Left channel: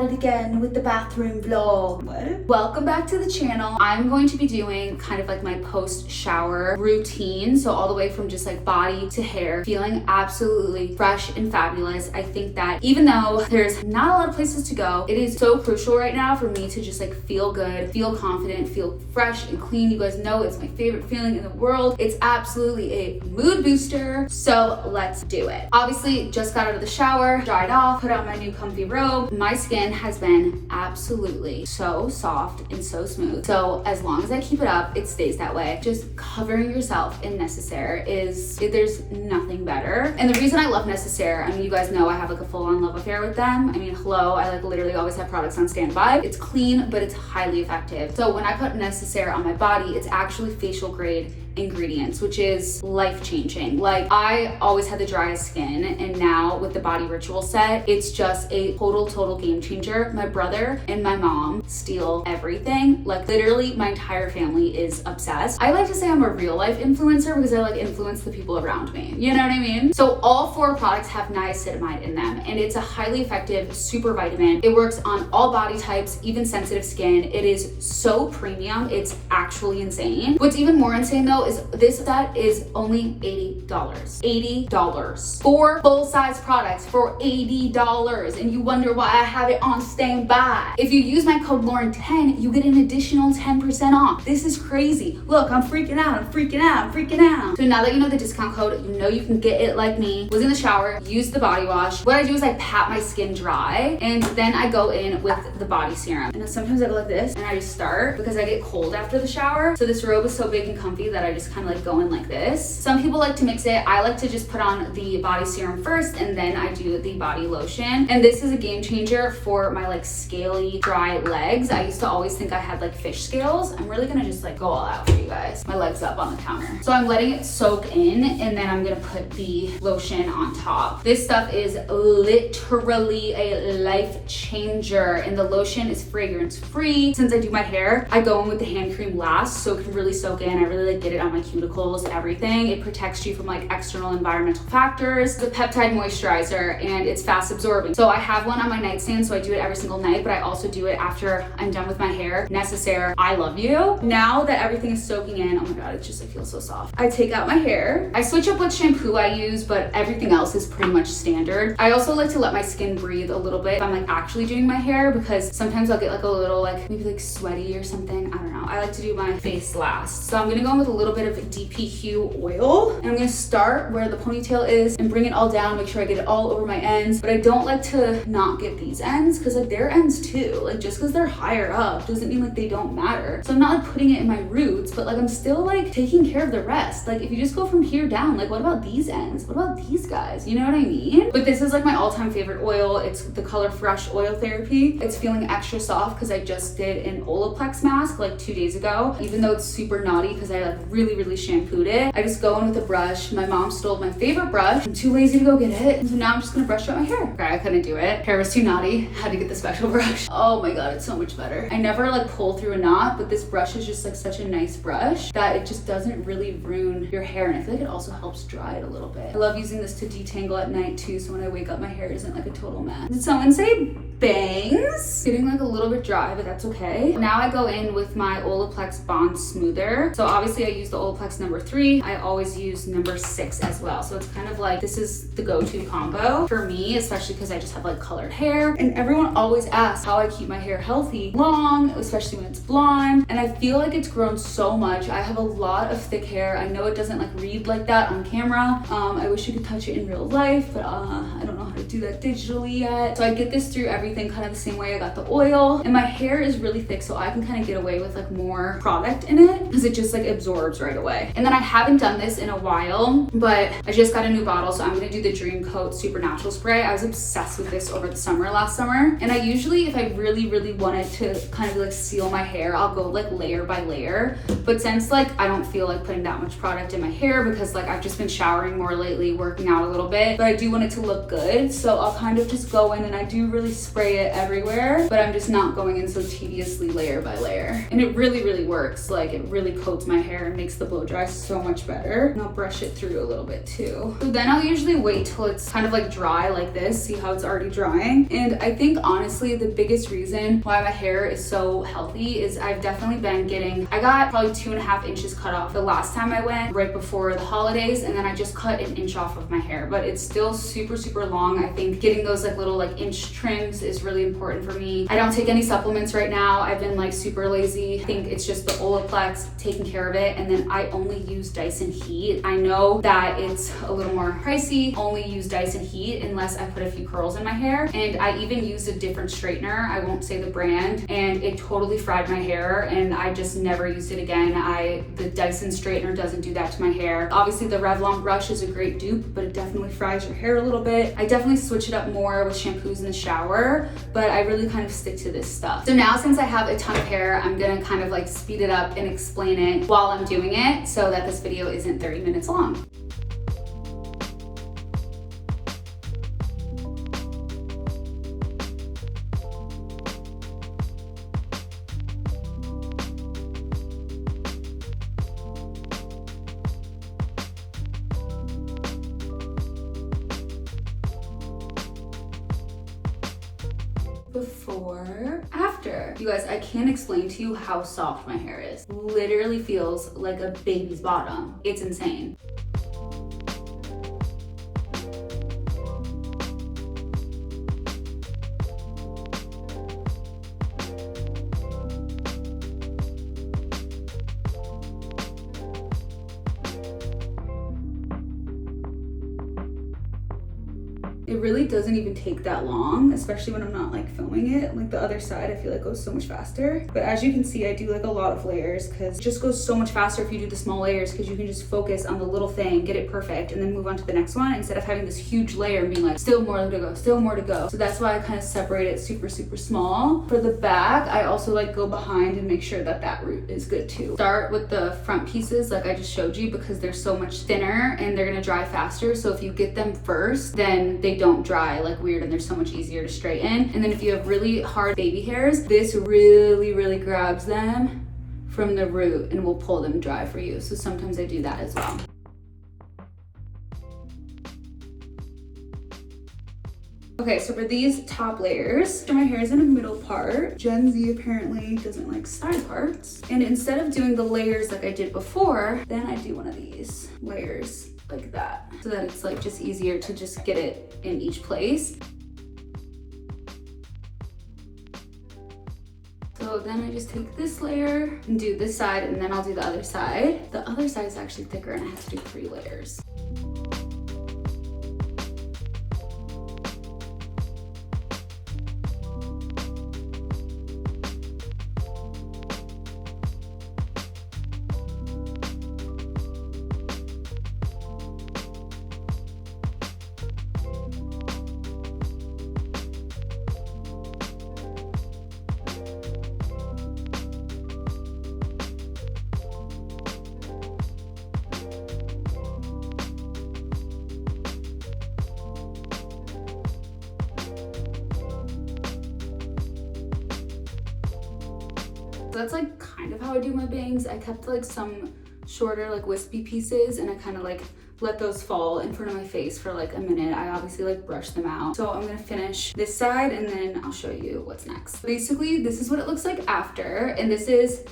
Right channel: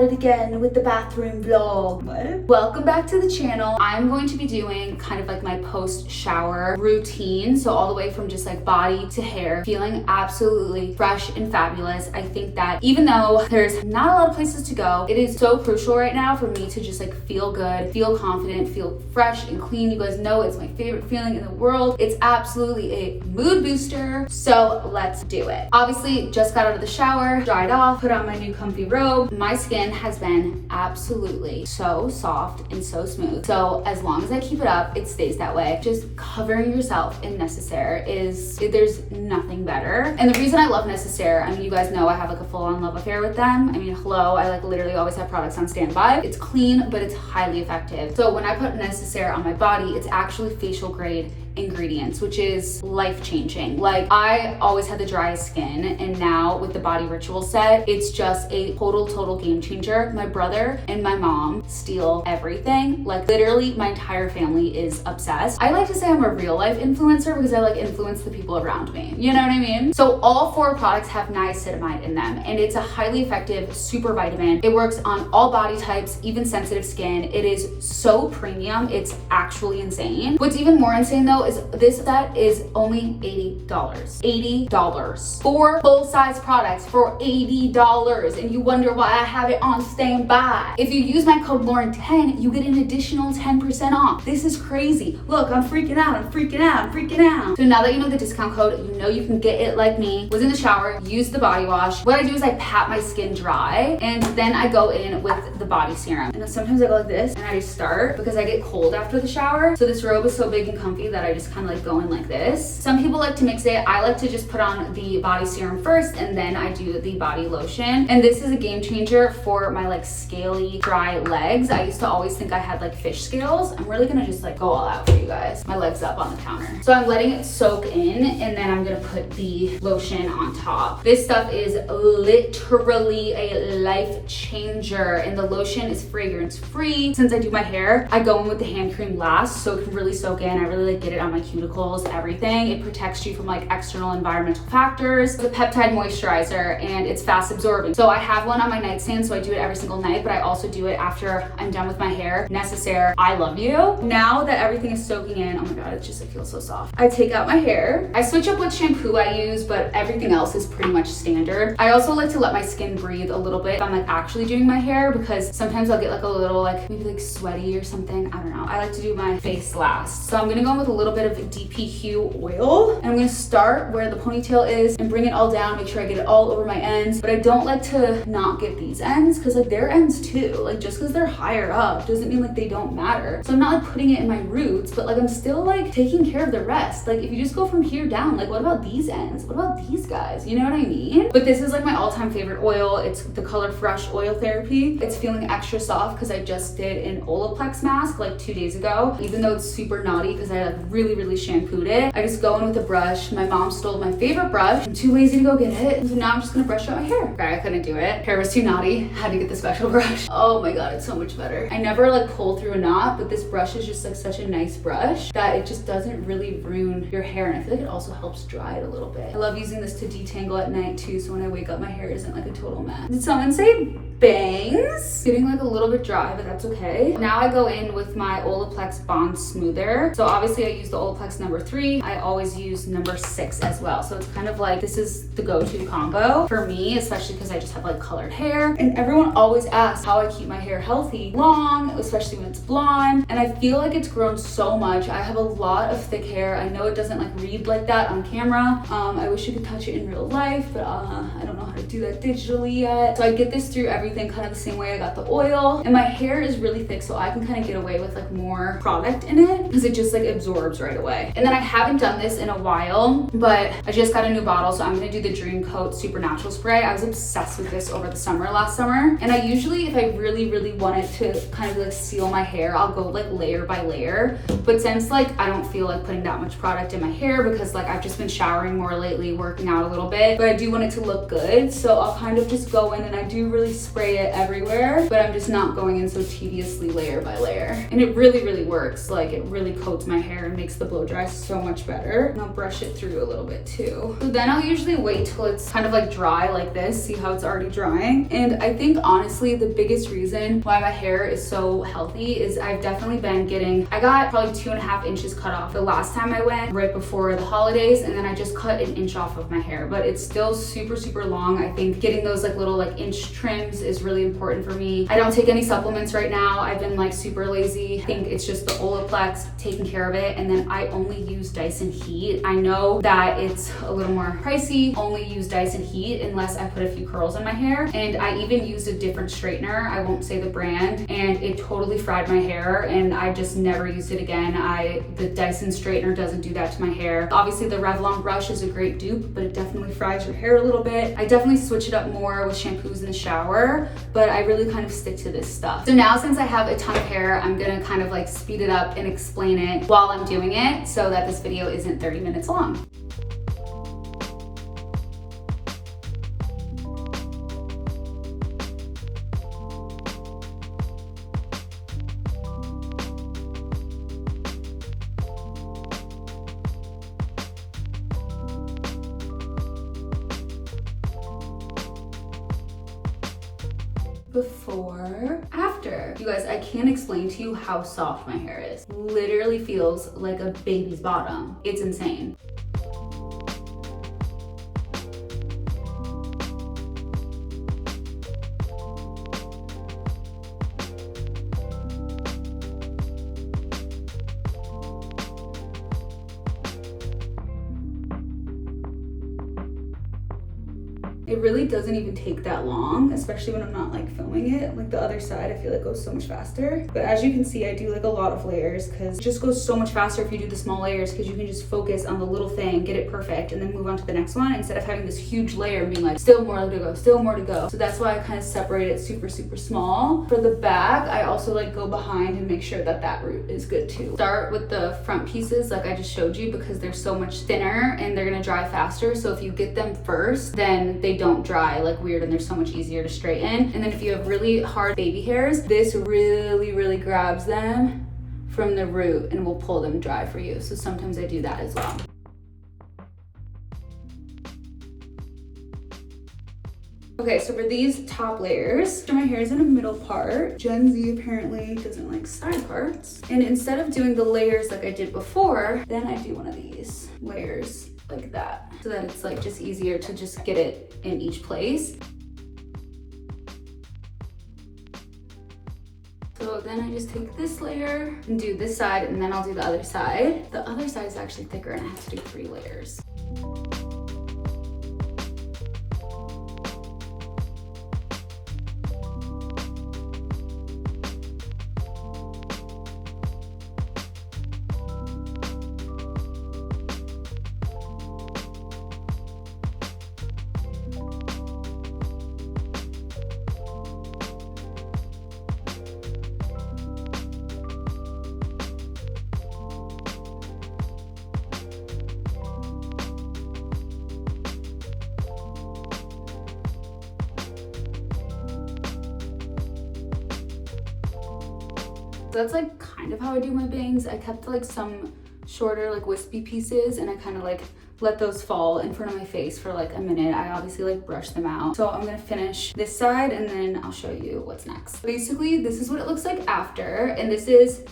at it again with the bathroom vlog. What? Welcome back to the channel. I'm going to be doing kind of like my post-shower routine. So all the way from just like body to hair, feeling absolutely fresh and fabulous. I think that even though there's not a lot of places to go, it is so crucial right now for me to just like feel good, feel confident, feel fresh and clean. You guys know it's my favorite feeling in the world. It's absolutely a mood booster. So let's do it. Obviously, just got out of the shower, dried off, put on my new comfy robe. My skin has been absolutely so soft and so smooth. So as long as I keep it up, it stays that way. Just covering yourself in Necessaire there's nothing better. And the reason I love Necessaire, I mean, you guys know I have like a full-on love affair with them. I mean, hello, I like literally always have products on standby. It's clean, but it's highly effective. So when I put Necessaire on my body, it's actually facial grade ingredients, which is life-changing. Like, I always had the driest skin, and now with the body ritual set, it's just a total game changer. My brother and my mom steal everything. Like, literally my entire family is obsessed. I like to say I'm a real life influencer because I like influence the people around me, you know what I mean? So all 4 products have niacinamide in them, and it's a highly effective super vitamin. It works on all body types, even sensitive skin. It is so premium, it's actually insane. What's even more insane though is this set is only $80. $80. 4 full-size products for $80, and you wonder why I have it on standby. If you use my code Lauren10, you get an additional 10% off. This is crazy. Look, I'm freaking out. So now that you know the discount code, you know you can get it like me. Was in the shower, used the body wash. What I do is I pat my skin dry, and then I go in with the body serum. And then sometimes I go like this, and I just start because I get cold after the shower. So this robe is so big and comfy that I just kind of like go in like this. Some people like to mix it. I like to just put on the body serum first, and then I do the body lotion. And this is a game changer for my like scaly, dry legs. I used to always think I had like fish scales. I'm really gonna just like go all out for you guys. My legs up on the counter. So I'm letting it soak in, and then I'm gonna put the lotion on top. This stuff is literally a life changer, and the lotion is fragrance free. Since I do my hair, I go in with the hand cream last so it can really soak in. I really like get it on my cuticles, everything. It protects you from like external environmental factors. It's a peptide moisturizer, and it's fast absorbing. So I have one on my nightstand, so I do it every single night, but I also do it after I'm done with my hair. Necessaire, I love you. Now that everything is soaking in, oh my god, it feels so soft. I take out my hair. I switch up what shampoo I use, but everything else is pretty much standard. I also like to let my skin breathe a little bit if I'm like actually doing my hair, because sometimes I'll get like a little like maybe like sweaty or something. I don't know. I like to do my face last. So I'm gonna go in with a little bit of DPQ oil, and I'm gonna start where the ponytail is and bring it all down, make sure I get it all over my ends. But I don't like to not get these ends, because like they're ends too. Like, just because they're higher up doesn't mean like they don't matter. So I'm not like putting it in my roots, but like I'm still like taking care of the rest. Like, if you just go from here down, like what about these ends? What about these guys? You know what I mean? But this is like my all-time favorite oil. It's the color Fresh Oil Therapy. It's feeling extra soft because I just did an Olaplex mask like 2 days ago. Even though it's super naughty because I like really shampooed it, I just go in with a brush. My mom stole my favorite brush. I'm too lazy to go get it, so now I'm just gonna brush out my hair. Okay, I couldn't do it. Hair was too naughty. Had to get the special brush. Oh my god, it's so much better. I never like pull through a knot, but this brush is just like such a nice brush that it just doesn't really ruin your hair, and I feel like it also helps dry it a little bit. I love using this to detangle at night too, so when I wake up my hair isn't like a total mess. Did someone say bangs? Getting like a little bit dry, but that's okay. Now I go in with my Olaplex Bond Smoother. So obviously I use the Olaplex number 3. I always use number 6 as well. So it's kind of like, this is the go-to combo for me, especially because I just have like colored hair. And everyone always asks how I keep my hair healthy, long, especially when it's blonde. And I feel like it's grown so much. I have a lot of thick hair. I know it doesn't like read like that on camera. I wish you could touch it in real life, but I don't know how to do that digitally yet. So I get this through everything kind of the same way I got the oil. And my hair is really thick, so I can kind of get away with like more product in it because it just like absorbs right away. And then I haven't done this in a while, but I just got a new bottle, so I'm gonna do the Dream Coat Supernatural Spray. I was obsessed with this over the summer, last summer. And I usually, if I really wanted to kind of like seal my hair, I'll go like layer by layer. But since like I don't feel like putting that much product in my hair because like I've just been showering more lately, working out a little bit, but I do want it to look good. So I'll kind of just go in, and I do really spray it everywhere, but I'm just not going in so tediously layer by layer. And it really works. Like, it really coats my hair and makes makes the blow dry so much better. And I'll brush it through a little bit too. So then I'll usually wait till it's kind of like dry like this. See how it's already drying? And I think honestly, the biggest reason why my hair is so healthy is I've definitely been I got probably 2.5 inches cut off the last time I went, right before the holidays, and then I just cut an inch off of my hair, but it's still super, super long. I think getting those like little like inch trims is really important for me. I don't take any supplements right now. I've been like super lazy. I think it's just the Olaplex taking care of it, and then I only use Dyson Heat. I know that it's a little more pricey. Only use Dyson Heat unless I put a few curls in my hair, and I even used a different straightener. I won't say the brand, and it totally fried my hair, and I just never used it again. The Dyson straightener doesn't do that to my hair. Obviously the Revlon brush is a great dupe, but it definitely fries your hair a little bit. I definitely switch it up more with shampoos in the shower, but I really kind of stick to this stuff. So now since I have a ton of hair, I'm gonna kind of like speed it up and explain it while I'm doing it so that this video isn't 30 minutes long. Before, after. You guys, I can't explain to you how soft my hair is. Literally feels like a baby's bottom. It's insane. It really doesn't even take that long, especially when I'm not like filming it. Like the other side, I feel like goes so much faster. But as you can see, I do like a lot of layers because it just goes so much faster if you do the small layers, because you can just focus on the little thing, get it perfect, and then move on to the next one instead of having this huge layer and being like, still more to go, still more to go. So that's why I kind of separate it super, super small. For the back, I also like go behind and make sure that that root is good too. Start with the front pieces like I just showed you because they're so much thinner and they're gonna dry faster. So if you get them first, then they don't dry like weird and they're so much easier to straighten. And then if you have really hard baby hairs, this really grabs them from the root and will pull them dry for you. So sometimes I do that as well. Okay, so for these top layers, my hair is in a middle part. Gen Z apparently doesn't like side parts. And instead of doing the layers like I did before, then I do one of these layers like that, so that it's like just easier to just get it in each place. So then I just take this layer and do this side, and then I'll do the other side. The other side is actually thicker and I have to do 3 layers. So that's like kind of how I do my bangs. I kept like some shorter like wispy pieces and I kind of like let those fall in front of my face for like a minute. I obviously like brush them out. So I'm gonna finish this side and then I'll show you what's next. Basically, this is what it looks like after, and this is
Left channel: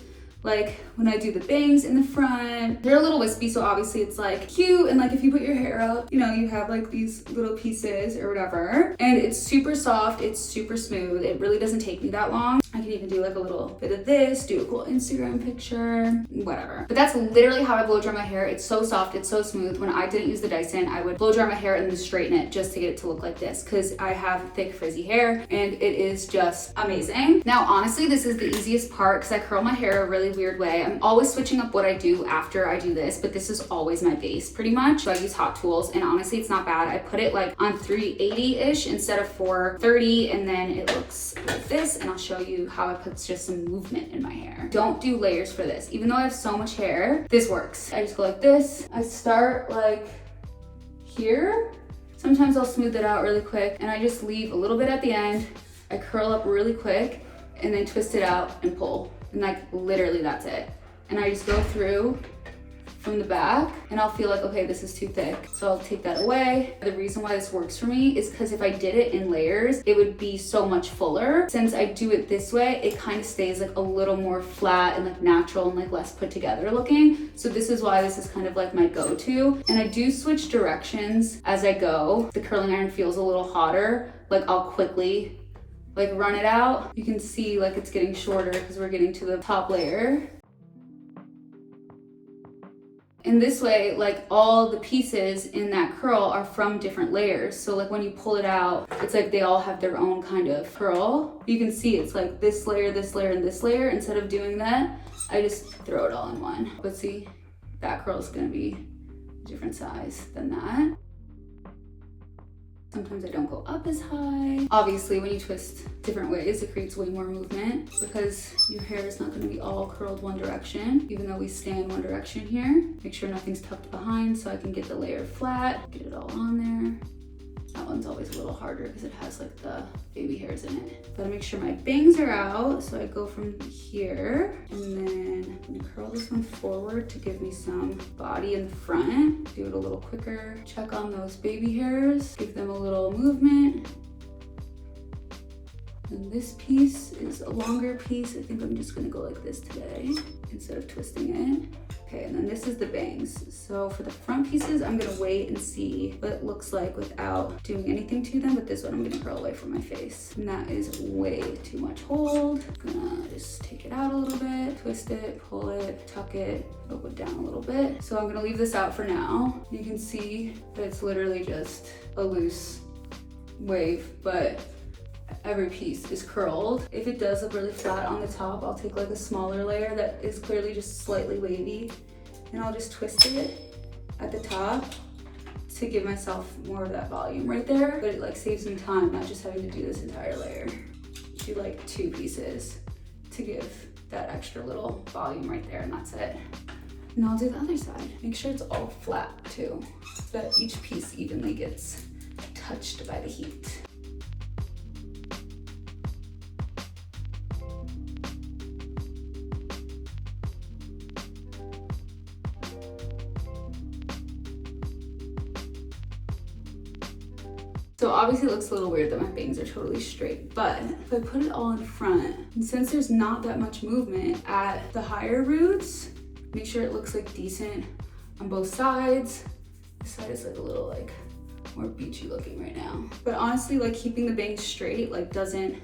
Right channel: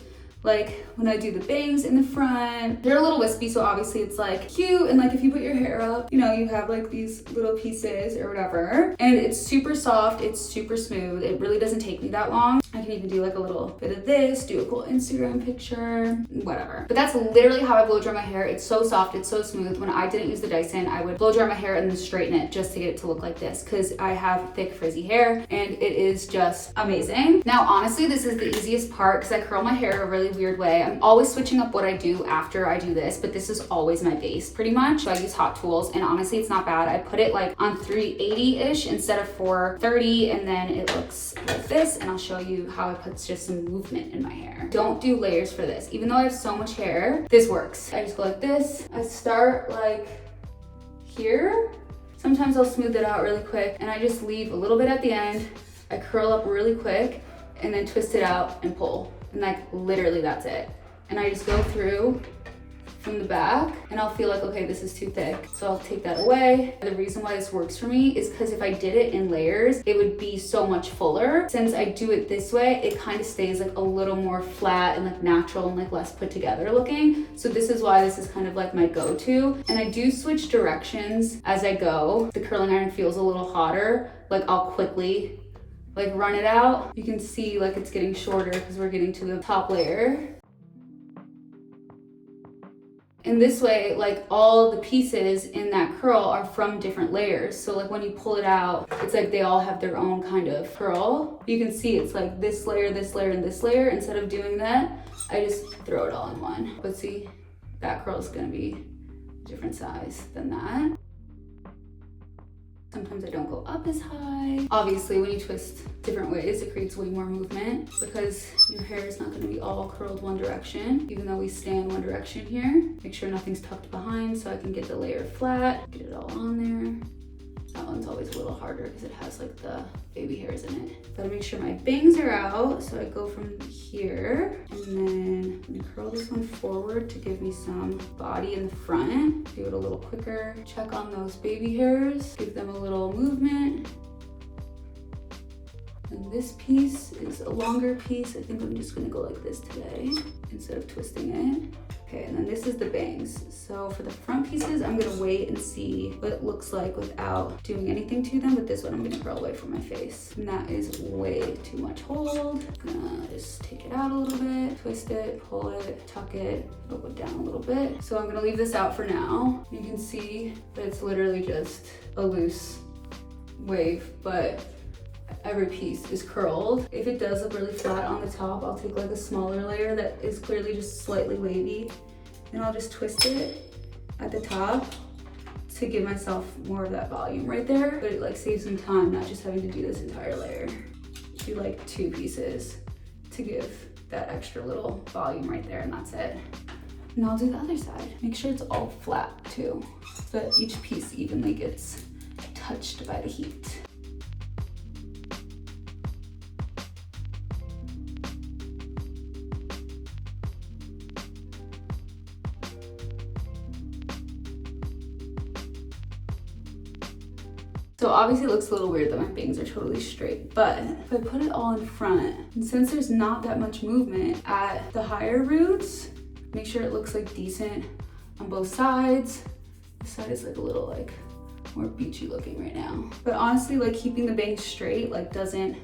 like when I do the bangs in the front. They're a little wispy, so obviously it's like cute, and like if you put your hair up, you know, you have like these little pieces or whatever, and it's super soft, it's super smooth. It really doesn't take me that long. I can even do like a little bit of this, do a cool Instagram picture, whatever. But that's literally how I blow dry my hair. It's so soft, it's so smooth. When I didn't use the Dyson, I would blow dry my hair and then straighten it just to get it to look like this, because I have thick frizzy hair and it is just amazing. Now honestly, this is the easiest part because I curl my hair a really weird way. I'm always switching up what I do after I do this, but this is always my base pretty much. So I use Hot Tools, and honestly it's not bad. I put it like on 380-ish instead of 430, and then it looks like this, and I'll show you how I put just some movement in my hair. Don't do layers for this. Even though I have so much hair, this works. I just go like this. I start like here. Sometimes I'll smooth it out really quick, and I just leave a little bit at the end. I curl up really quick and then twist it out and pull. And like literally that's it. And I just go through from the back and I'll feel like, okay, this is too thick. So I'll take that away. The reason why this works for me is because if I did it in layers, it would be so much fuller. Since I do it this way, it kind of stays like a little more flat and like natural and like less put together looking. So this is why this is kind of like my go-to. And I do switch directions as I go. The curling iron feels a little hotter. Like I'll quickly like run it out. You can see like it's getting shorter because we're getting to the top layer. And this way, like all the pieces in that curl are from different layers. So like when you pull it out, it's like they all have their own kind of curl. You can see it's like this layer, and this layer. Instead of doing that, I just throw it all in one. But see, that curl is gonna be a different size than that. Sometimes I don't go up as high. Obviously, when you twist different ways, it creates way more movement because your hair is not gonna be all curled one direction, even though we stay in one direction here. Make sure nothing's tucked behind so I can get the layer flat, get it all on there. That one's always a little harder because it has like the baby hairs in it. Gotta make sure my bangs are out. So I go from here and then I'm gonna curl this one forward to give me some body in the front. Do it a little quicker. Check on those baby hairs, give them a little movement. And this piece is a longer piece. I think I'm just gonna go like this today instead of twisting it. Okay, and then this is the bangs. So for the front pieces, I'm gonna wait and see what it looks like without doing anything to them, but this one I'm gonna curl away from my face. And that is way too much hold. Gonna just take it out a little bit, twist it, pull it, tuck it, go down a little bit. So I'm gonna leave this out for now. You can see that it's literally just a loose wave, but every piece is curled. If it does look really flat on the top, I'll take like a smaller layer that is clearly just slightly wavy and I'll just twist it at the top to give myself more of that volume right there. But it like saves some time not just having to do this entire layer. Do like 2 pieces to give that extra little volume right there and that's it. And I'll do the other side. Make sure it's all flat too, so that each piece evenly gets touched by the heat. So obviously it looks a little weird that my bangs are totally straight, but if I put it all in front, and since there's not that much movement at the higher roots, make sure it looks like decent on both sides. This side is like a little like more beachy looking right now. But honestly, like keeping the bangs straight like doesn't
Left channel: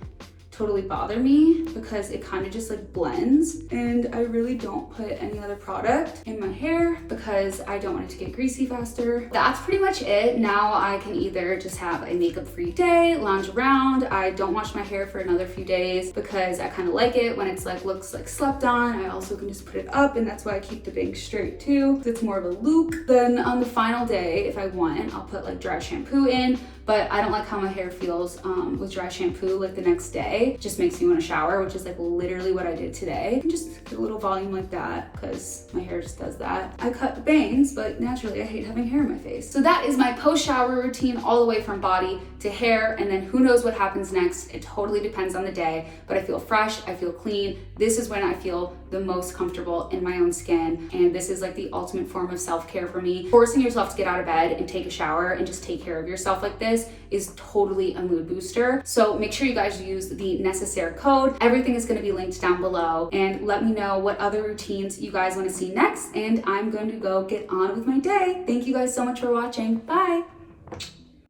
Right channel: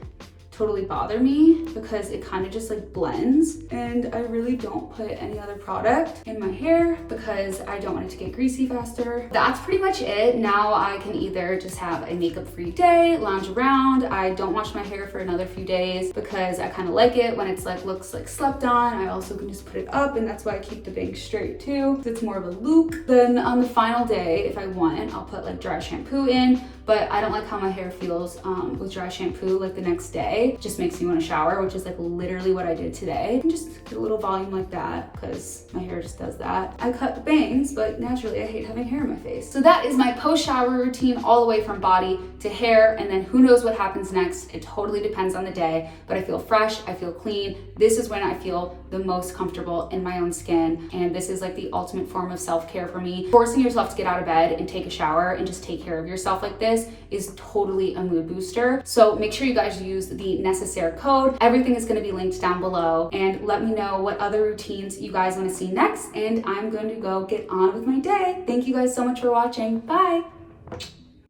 totally bother me because it kind of just like blends, and I really don't put any other product in my hair because I don't want it to get greasy faster. That's pretty much it. Now I can either just have a makeup free day, lounge around. I don't wash my hair for another few days because I kind of like it when it's like looks like slept on. I also can just put it up, and that's why I keep the bangs straight too. It's more of a loop. Then on the final day, if I want, I'll put like dry shampoo in, but I don't like how my hair feels with dry shampoo like the next day. It just makes me want to shower, which is like literally what I did today. And just get a little volume like that because my hair just does that. I cut the bangs, but naturally I hate having hair in my face. So that is my post-shower routine all the way from body to hair, and then who knows what happens next. It totally depends on the day, but I feel fresh, I feel clean. This is when I feel the most comfortable in my own skin, and this is like the ultimate form of self-care for me. Forcing yourself to get out of bed and take a shower and just take care of yourself like this is totally a mood booster. So make sure you guys use the necessary code. Everything is going to be linked down below, and let me know what other routines you guys want to see next, and I'm going to go get on with my day. Thank you guys so much for watching. Bye.